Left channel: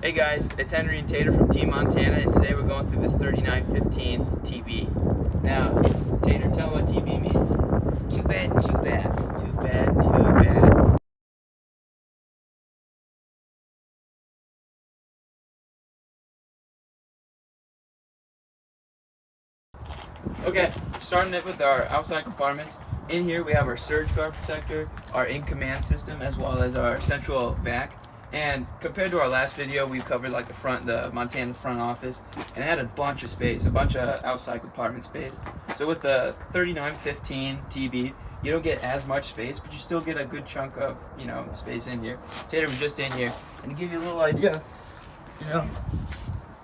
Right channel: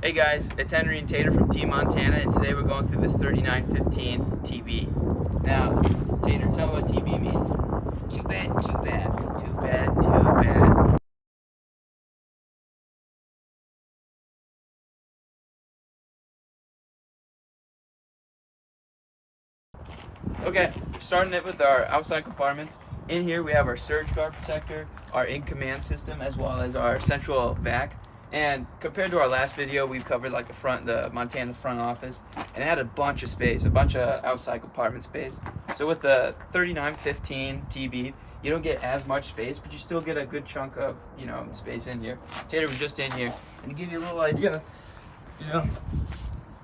Hey guys, it's Henry and Tater from Team Montana, and today we're going through this 3915 TB. Now, Tater, tell me what TB means. Too bad, too bad. Too bad, too bad. Okay, starting it with our outside compartments. In here we have our surge guard protector, our in-command system, as well as our central vac. And compared to our last video, we've covered like the Montana front office, and it had a bunch of space, a bunch of outside compartment space. So with the 3915 TB, you don't get as much space, but you still get a good chunk of, space in here. Tater was just in here, and to give you a little idea, I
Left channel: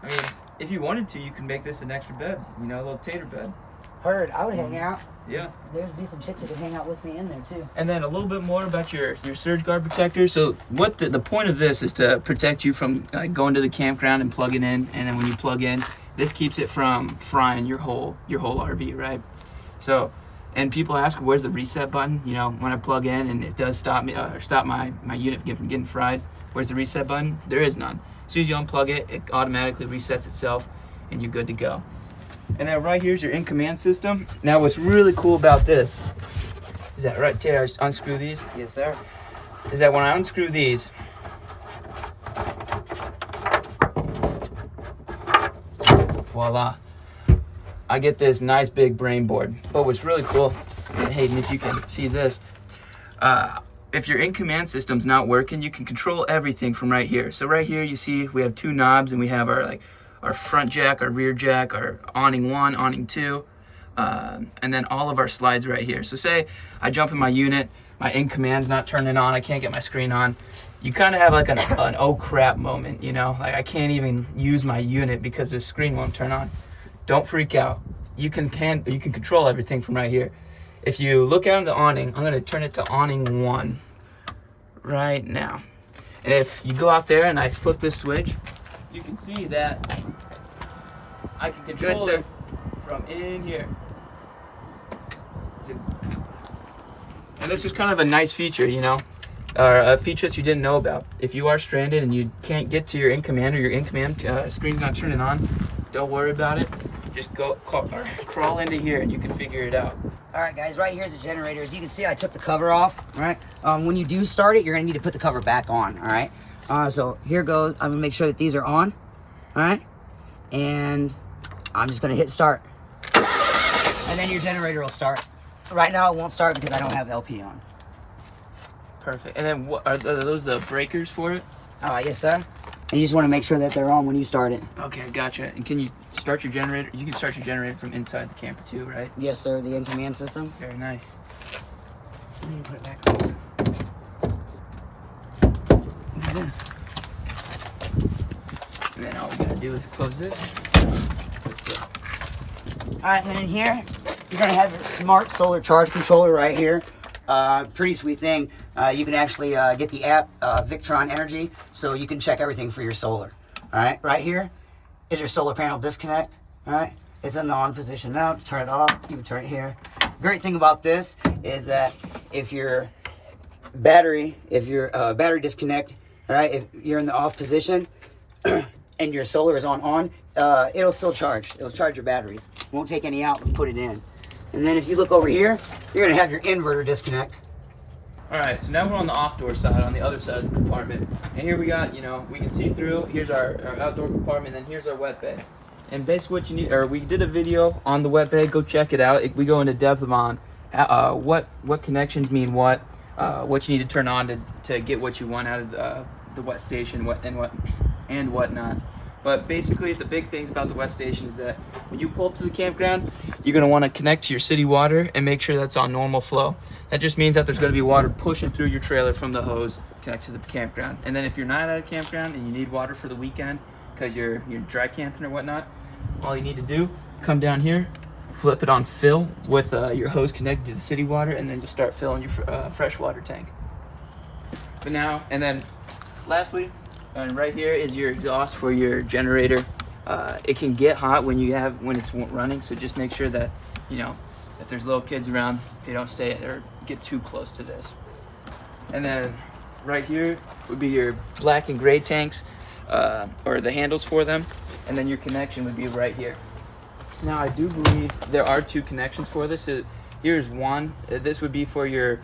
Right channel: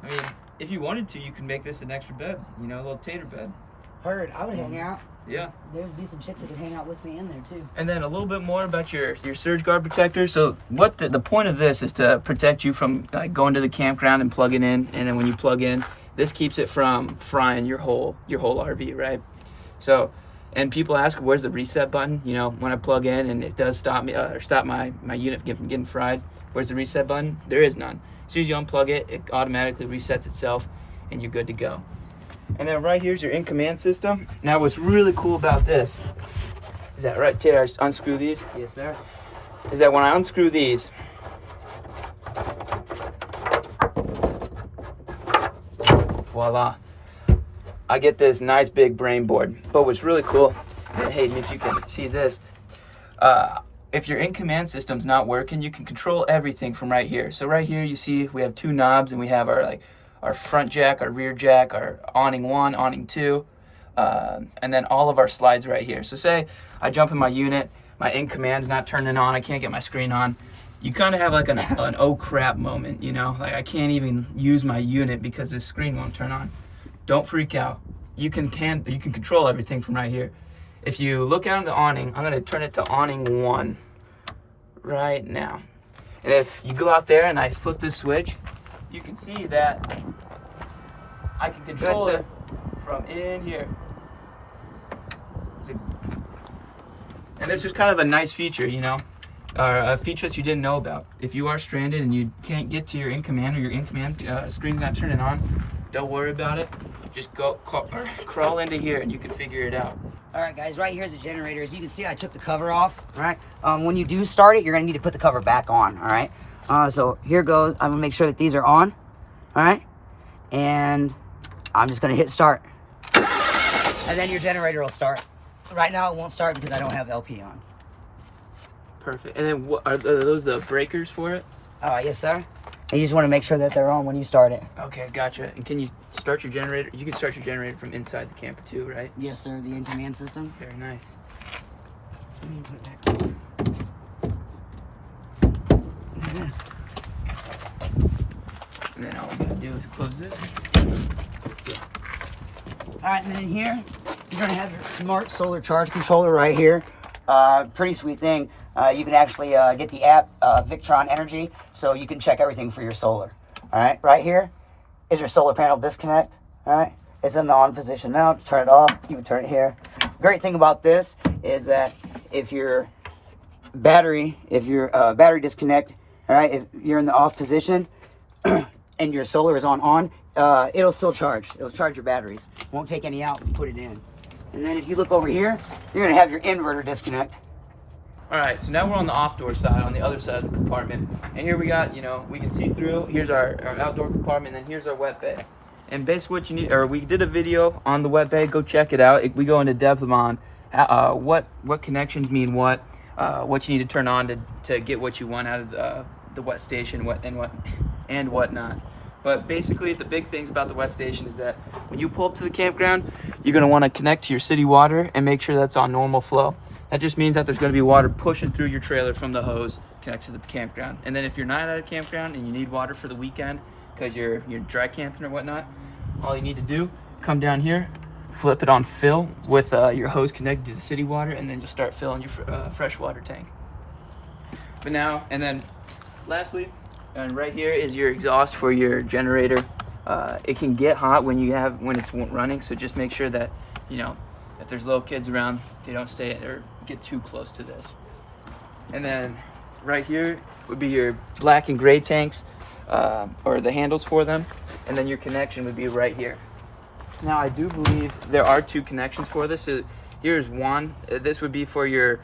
mean, if you wanted to, you can make this an extra bed, a little Tater bed. Heard, I would hang out. Yeah. There'd be some chicks that could hang out with me in there too. And then a little bit more about your surge guard protector. So what the point of this is to protect you from going to the campground and plugging in, and then when you plug in, this keeps it from frying your whole RV, right? So, and people ask, where's the reset button? When I plug in and it does stop me or stop my unit from getting fried, where's the reset button? There is none. As soon as you unplug it, it automatically resets itself, and you're good to go. And then right here's your in-command system. Now what's really cool about this, is that right, Tater, I unscrew these? Yes, sir. Is that when I unscrew these, voila, I get this nice big brain board. But what's really cool, and Hayden, if you can see this, if your in-command system's not working, you can control everything from right here. So right here you see we have two knobs, and we have our front jack, our rear jack, our awning 1, awning 2, and then all of our slides right here. So say I jump in my unit, my in-command's not turning on, I can't get my screen on. You kind of have like an oh crap moment, like I can't even use my unit because the screen won't turn on. Don't freak out. You can control everything from right here. If you look out on the awning, I'm gonna turn it to awning 1 right now. And if you go out there and I flip this switch, you can see that I can control it from in here. And it's just kind of a nice feature, or a feature that you didn't know about. If you are stranded and you can't get to your in-command, or your in-command screen's not turning on, don't worry about it. Just crawl into here and you can figure it out. All right, guys, right here's the generator. As you can see, I took the cover off, all right? When you do start it, you're gonna need to put the cover back on, all right? So here goes. I'm gonna make sure that these are on, all right? And I'm just gonna hit start. And then your generator will start. Right now it won't start because I don't have LP on. Perfect. And then are those the breakers for it? Yes, sir. And you just wanna make sure that they're on when you start it. Okay, gotcha. And can you start your generator? You can start your generator from inside the camper too, right? Yes, sir, the in-command system. Very nice. And then put it back on. Yeah. And then all we gotta do is close this. All right, and then in here, you're gonna have your smart solar charge controller right here. Pretty sweet thing. You can actually get the app Victron Energy, so you can check everything for your solar. All right, right here is your solar panel disconnect. All right, it's in the on position now. Turn it off. You can turn it here. Great thing about this is that if your battery disconnect, all right, if you're in the off position and your solar is on, it'll still charge. It'll charge your batteries. Won't take any out and put it in. And then if you look over here, you're gonna have your inverter disconnect. All right, so now we're on the off door side, on the other side of the compartment. And here we got, we can see through. Here's our outdoor compartment, and then here's our wet bay. And basically what you need, or we did a video on the wet bay, go check it out. We go into depth on what connections mean what you need to turn on to get what you want out of the wet station, and whatnot. But basically, the big things about the wet station is that when you pull up to the campground, you're gonna wanna connect to your city water and make sure that's on normal flow. That just means that there's gonna be water pushing through your trailer from the hose, connect to the campground. And then if you're not at a campground and you need water for the weekend, because you're dry camping or whatnot, all you need to do, come down here, flip it on fill with your hose connected to the city water, and then you'll start filling your fresh water tank. But now, and then lastly, and right here is your exhaust for your generator. It can get hot when it's running, so just make sure that, if there's little kids around, they don't stay or get too close to this. And then right here would be your black and gray tanks. or the handles for them, and then your connection would be right here. Now I do believe there are 2 connections for this. So here's one. This would be for your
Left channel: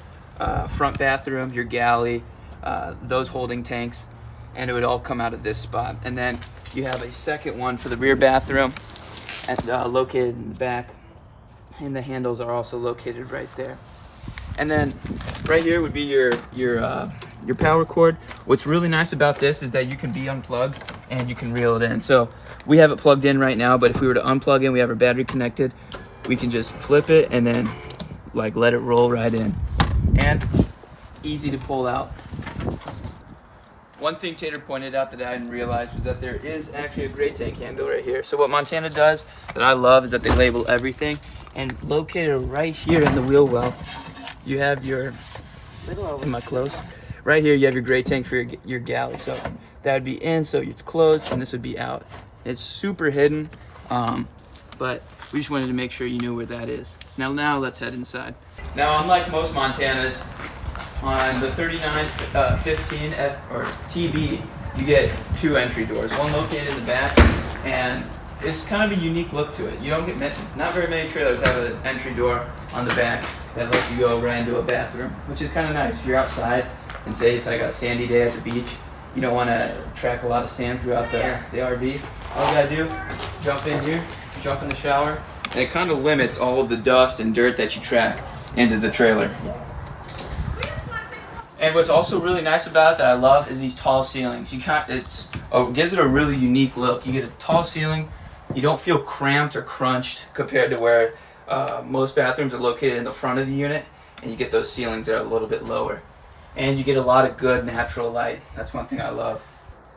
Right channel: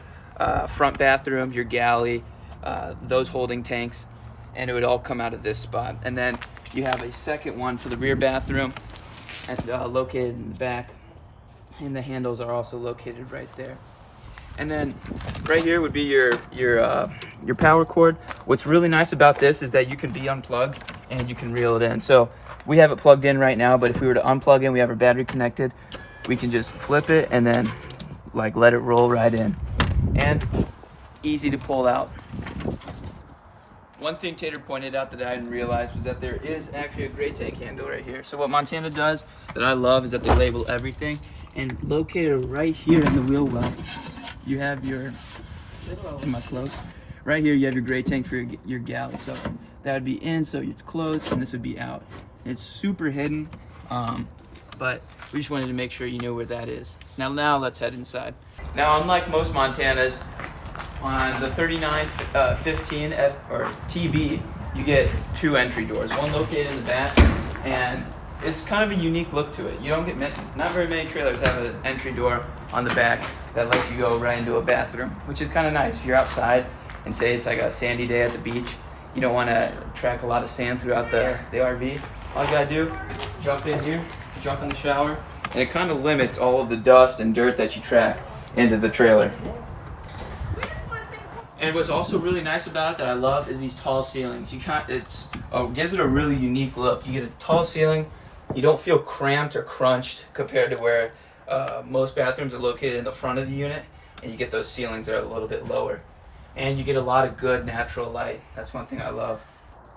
front bathroom, your galley, those holding tanks, and it would all come out of this spot. And then you have a second one for the rear bathroom, and located in the back, and the handles are also located right there. And then right here would be your power cord. What's really nice about this is that you can be unplugged and you can reel it in. So we have it plugged in right now, but if we were to unplug it, we have our battery connected, we can just flip it and then like let it roll right in. And it's easy to pull out. One thing Tater pointed out that I didn't realize was that there is actually a gray tank handle right here. So what Montana does that I love is that they label everything, and located right here in the wheel well, you have your, am I close? Right here you have your gray tank for your galley. So that would be in, so it's closed, and this would be out. It's super hidden, but we just wanted to make sure you knew where that is. Now let's head inside. Now, unlike most Montanas, on the 3915 or TB, you get 2 entry doors, one located in the back, and it's kind of a unique look to it. You don't get not very many trailers have an entry door on the back that lets you go right into a bathroom, which is kind of nice. If you're outside and say it's like a sandy day at the beach, you don't want to track a lot of sand throughout the RV. All you gotta do, jump in here, jump in the shower, and it kind of limits all of the dust and dirt that you track into the trailer. And what's also really nice about it that I love is these tall ceilings. It gives it a really unique look. You get a tall ceiling, you don't feel cramped or crunched compared to where most bathrooms are located in the front of the unit, and you get those ceilings that are a little bit lower. And you get a lot of good natural light. That's one thing I love.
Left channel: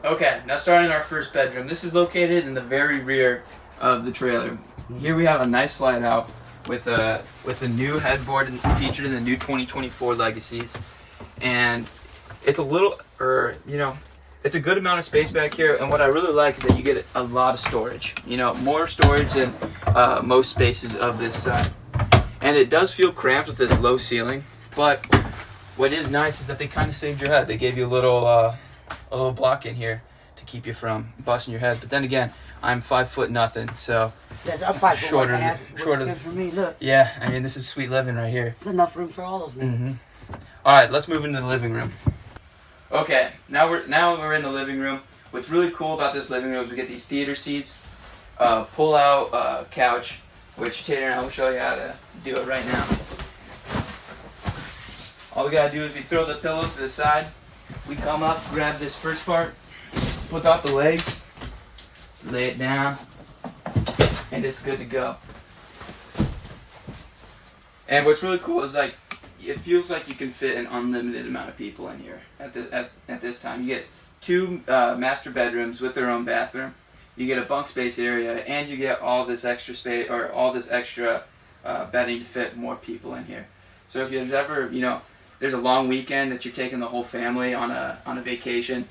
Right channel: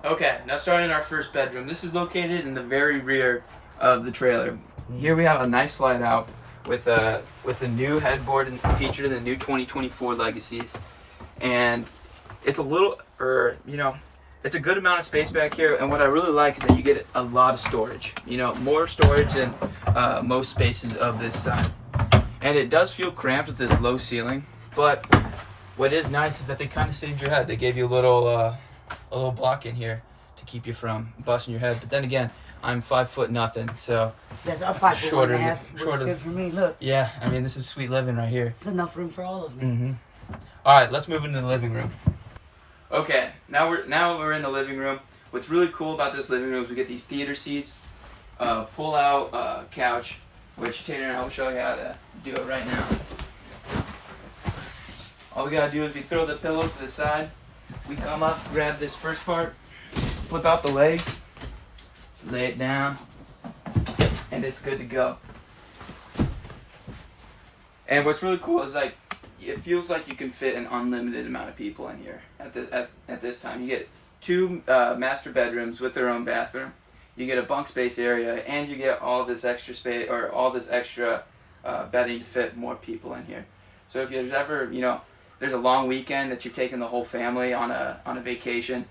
Okay, now starting our first bedroom. This is located in the very rear of the trailer. Here we have a nice slide out with the new headboard featured in the new 2024 Legacies. And it's it's a good amount of space back here, and what I really like is that you get a lot of storage. More storage than most spaces of this side. And it does feel cramped with this low ceiling, but what is nice is that they kind of saved your head. They gave you a little block in here to keep you from busting your head. But then again, I'm 5 foot nothing, so Yes, I'm 5 foot shorter 1.5. than- Looks good for me. Look, yeah, I mean, this is sweet living right here. it's enough room for all of me. All right, let's move into the living room. Okay, now we're in the living room. What's really cool about this living room is we get these theater seats, pull-out couch, which Tater and I will show you how to do it right now. All we gotta do is we throw the pillows to the side. We come up, grab this first part, flip out the legs, lay it down, and it's good to go. And what's really cool is it feels like you can fit an unlimited amount of people in here at this time. You get 2 master bedrooms with their own bathroom. You get a bunk space area, and you get all this extra space or all this extra bedding to fit more people in here. So if there's ever there's a long weekend that you're taking the whole family on a vacation,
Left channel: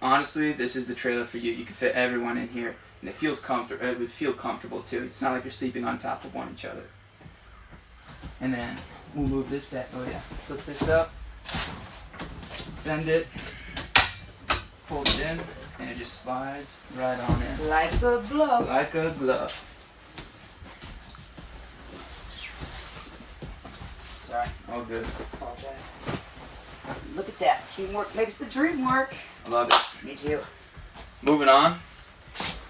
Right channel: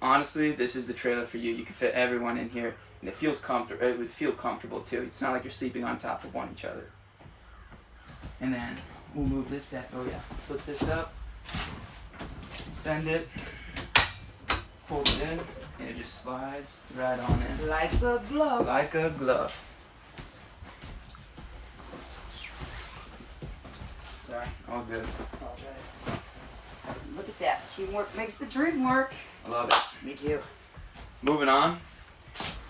honestly, this is the trailer for you. You can fit everyone in here, and it would feel comfortable too. It's not like you're sleeping on top of each other. And then we'll move this back. Oh yeah, flip this up, bend it, fold it in, and it just slides right on in. Like a glove. Like a glove. Sorry. All good. Apologize. Look at that. Teamwork makes the dream work. I love it. Me too. Moving on,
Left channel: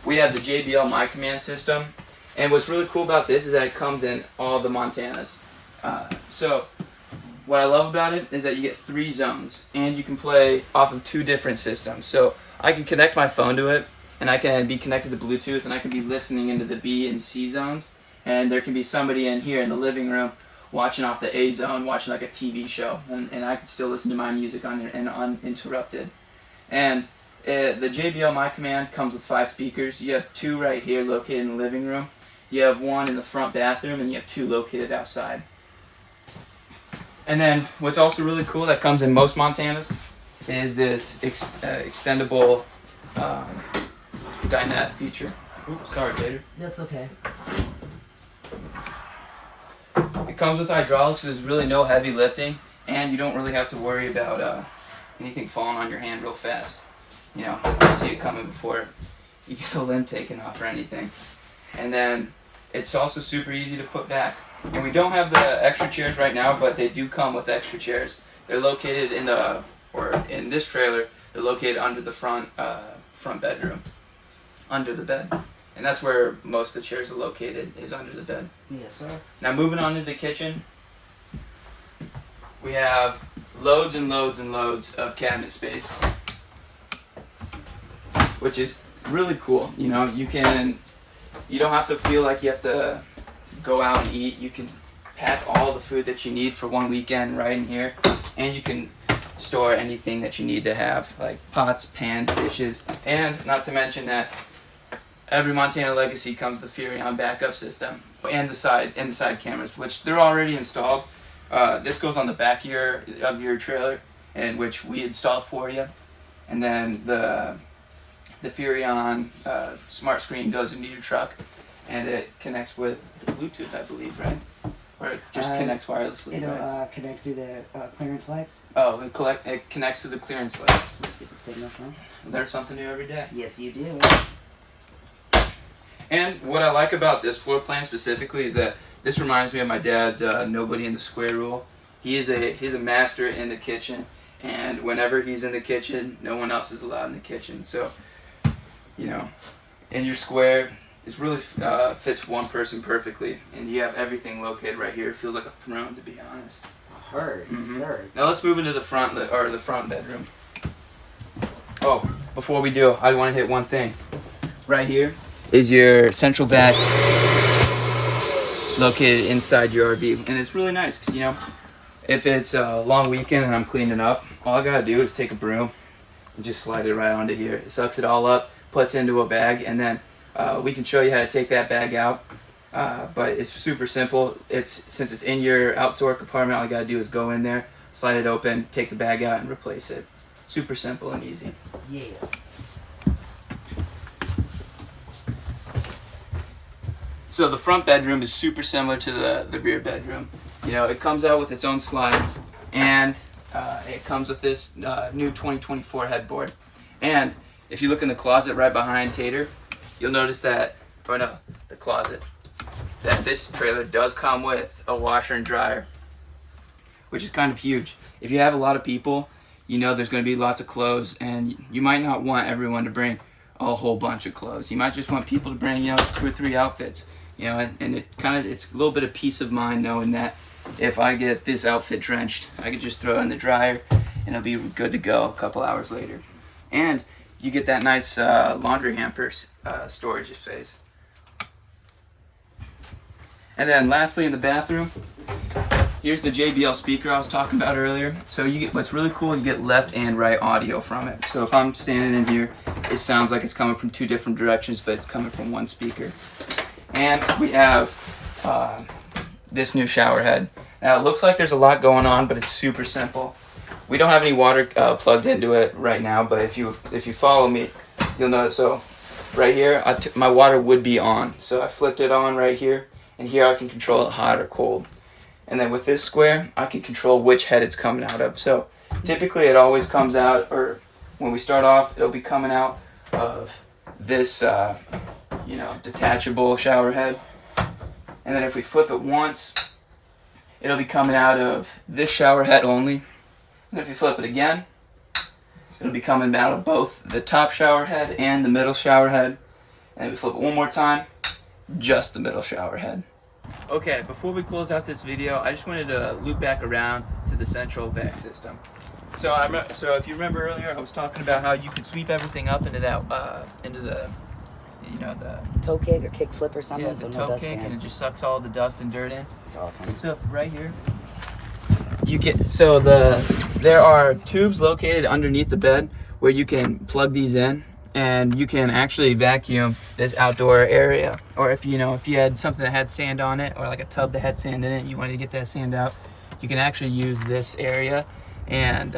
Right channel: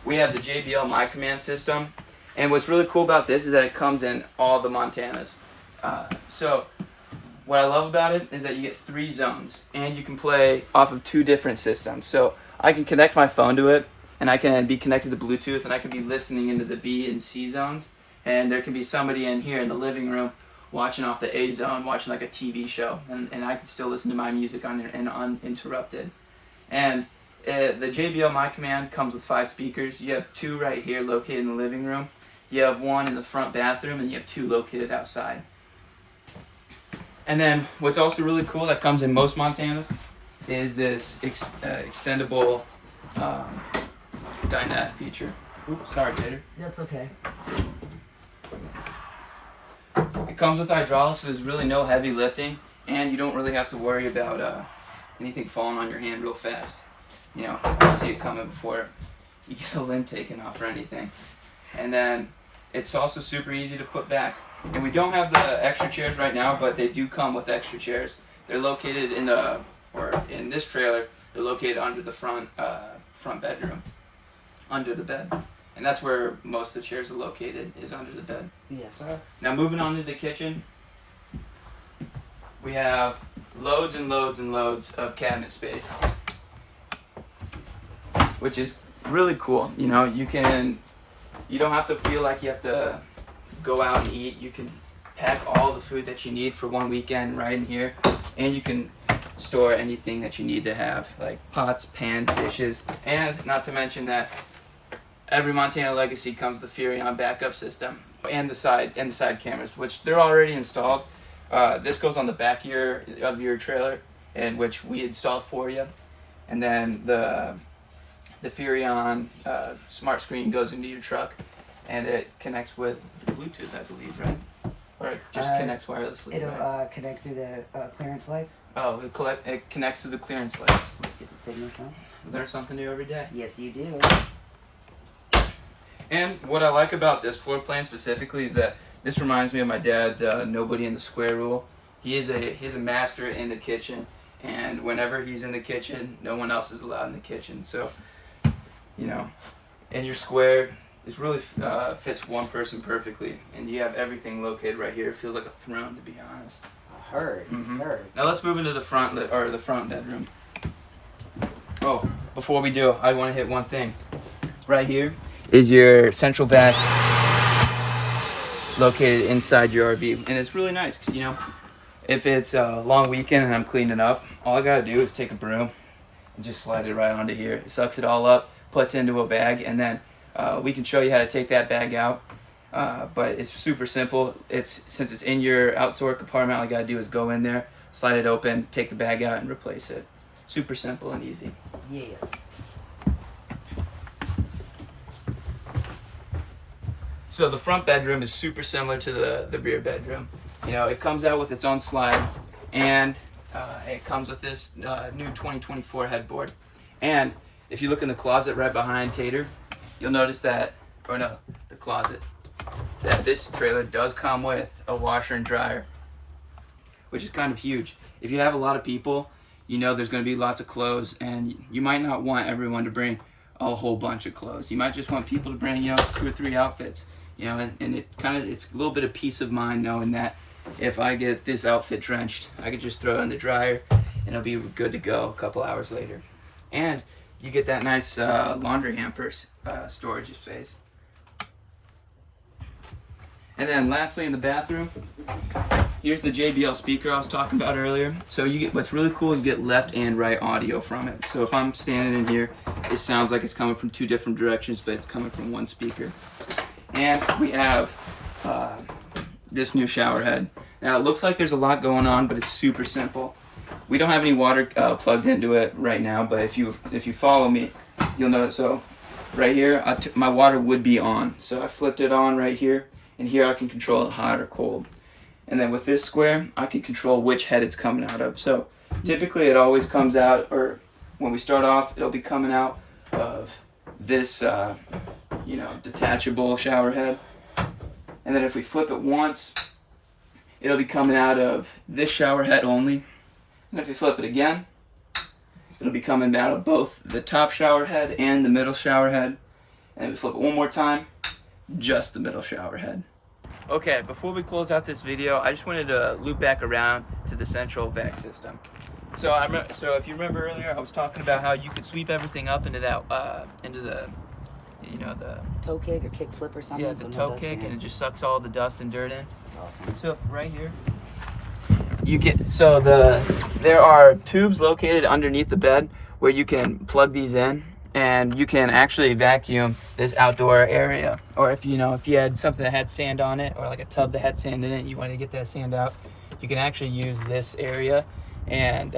we have the JBL My Command system, and what's really cool about this is that it comes in all the Montanas. So what I love about it is that you get 3 zones, and you can play off of 2 different systems. So I can connect my phone to it, and I can be connected to Bluetooth, and I can be listening into the B and C zones, and there can be somebody in here in the living room watching off the A zone, watching like a TV show, and I can still listen to my music uninterrupted. And the JBL My Command comes with 5 speakers. You have 2 right here located in the living room. You have 1 in the front bathroom, and you have 2 located outside. And then what's also really cool that comes in most Montanas is this extendable dinette feature. Oops, sorry, Tater. That's okay. It comes with hydraulics, so there's really no heavy lifting, and you don't really have to worry about anything falling on your hand real fast. you know, you see it coming before you get a limb taken off or anything. And then it's also super easy to put back. And we don't have the extra chairs right now, but they do come with extra chairs. They're located in this trailer. They're located under the front bedroom, under the bed. And that's where most of the chairs are located, is under the bed. Yes, sir. Now moving on to the kitchen, we have loads and loads and loads of cabinet space, which is really cool. You know, you don't have to feel like you have to go out and eat. You can pack all the food that you need for one weekend right in here, and you can store anything that you need to have, like pots, pans, dishes, and not to mention that every Montana Legacy comes with the Furrion backup system and the side cameras, which they're already installed. This goes on the back of your trailer, and which we installed for you, and then the Furrion smart screen goes into your truck, and it connects with Bluetooth, I believe, right? Or it just connects wirelessly. It'll right? connect through the clearance lights. Oh, it connects to the clearance lights. Get the signal from. Learn something new every day. Yes, you do. And what I like about this floor plan specifically is that this reminds me of my dad's nobody in the square rule. He's a master in the kitchen, and whenever he's in the kitchen, no one else is allowed in the kitchen. So, you know, in your square, it really fits one person perfectly, and you have everything located right here. It feels like a throne, to be honest. Heard. Now let's move into the front bedroom. Oh, before we do, I want to hit one thing. Right here is your central vac located inside your RV, and it's really nice because, you know, if it's a long weekend and I'm cleaning up, all I gotta do is take a broom and just slide it right onto here. It sucks it all up, puts into a bag, and then we can show you how to take that bag out. But it's super simple. Since it's in your outdoor compartment, all you gotta do is go in there, slide it open, take the bag out, and replace it. Super simple and easy. Yeah. So the front bedroom is super similar to the rear bedroom. You know, it comes out with its own slide, and it comes with this new 2024 headboard. And if you look in the closet right behind Tater, you'll notice that, the closet, that this trailer does come with a washer and dryer, which is kind of huge. If you have a lot of people, you know there's going to be lots of clothes, and you might not want everyone to bring a whole bunch of clothes. You might just want people to bring, 2 or 3 outfits. You know, and it's a little bit of peace of mind knowing that if I get this outfit drenched, I could just throw it in the dryer and it'll be good to go a couple hours later. And you get that nice laundry hamper storage space. And then lastly, in the bathroom, here's the JBL speaker I was talking about earlier. So you get, what's really cool is you get left and right audio from it. So if I'm standing in here, it sounds like it's coming from 2 different directions, but it's coming from one speaker. And we have this new shower head. Now it looks like there's a lot going on, but it's super simple. We don't have any water plugged into it right now, but if you follow me, you'll notice. So right here, my water would be on. So I flipped it on right here, and here I can control it hot or cold. And then with this square, I can control which head it's coming out of. So typically it always comes out, or when we start off, it'll be coming out of this detachable shower head. And then if we flip it once, it'll be coming out of this shower head only. And if we flip it again, it'll be coming out of both the top shower head and the middle shower head. And if we flip it one more time, just the middle shower head. Okay, before we close out this video, I just wanted to loop back around to the central vac system. So if you remember earlier, I was talking about how you could sweep everything up into that the toe kick or kick flip or something. Yeah, the toe kick, and it just sucks all the dust and dirt in. That's awesome. So right here, there are tubes located underneath the bed where you can plug these in, and you can actually vacuum this outdoor area. Or if you had something that had sand on it, or like a tub that had sand in it, and you wanted to get that sand out, you can actually use this area, and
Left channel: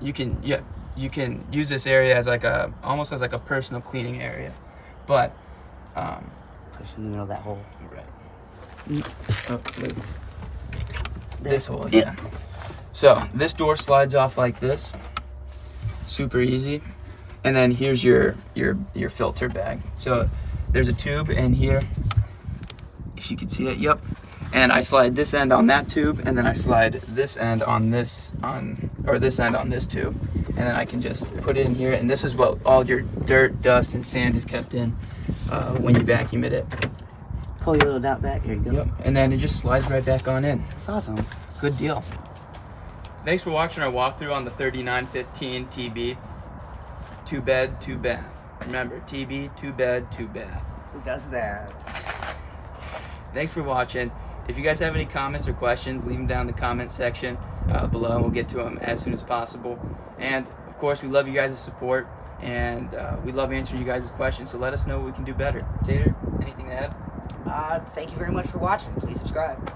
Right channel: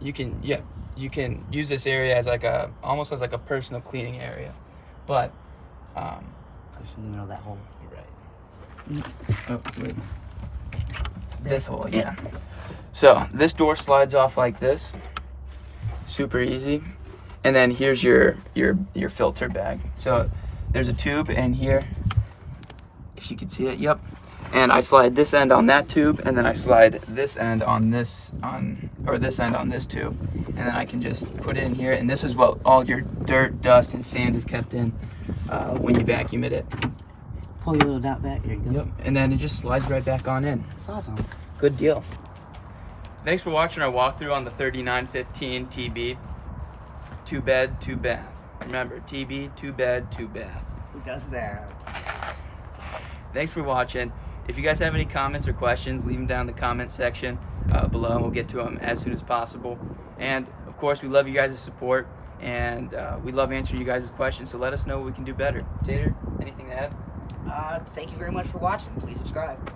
you can use this area as almost as a personal cleaning area. But push in the middle of that hole. Right. This hole, yeah. So this door slides off like this, super easy. And then here's your filter bag. So there's a tube in here, if you can see it. Yep. And I slide this end on that tube, and then I slide this end on this end on this tube, and then I can just put it in here. And this is what all your dirt, dust, and sand is kept in when you vacuum it. Pull your little dot back. Here you go. Yep. And then it just slides right back on in. That's awesome. Good deal. Thanks for watching our walkthrough on the 3915 TB. 2 bed, 2 bath. Remember, TB, 2 bed, 2 bath. Who does that? Thanks for watching. If you guys have any comments or questions, leave them down in the comment section below, and we'll get to them as soon as possible. And of course, we love you guys' support, and we love answering you guys' questions, so let us know what we can do better. Tater, anything to add? Thank you very much for watching. Please subscribe.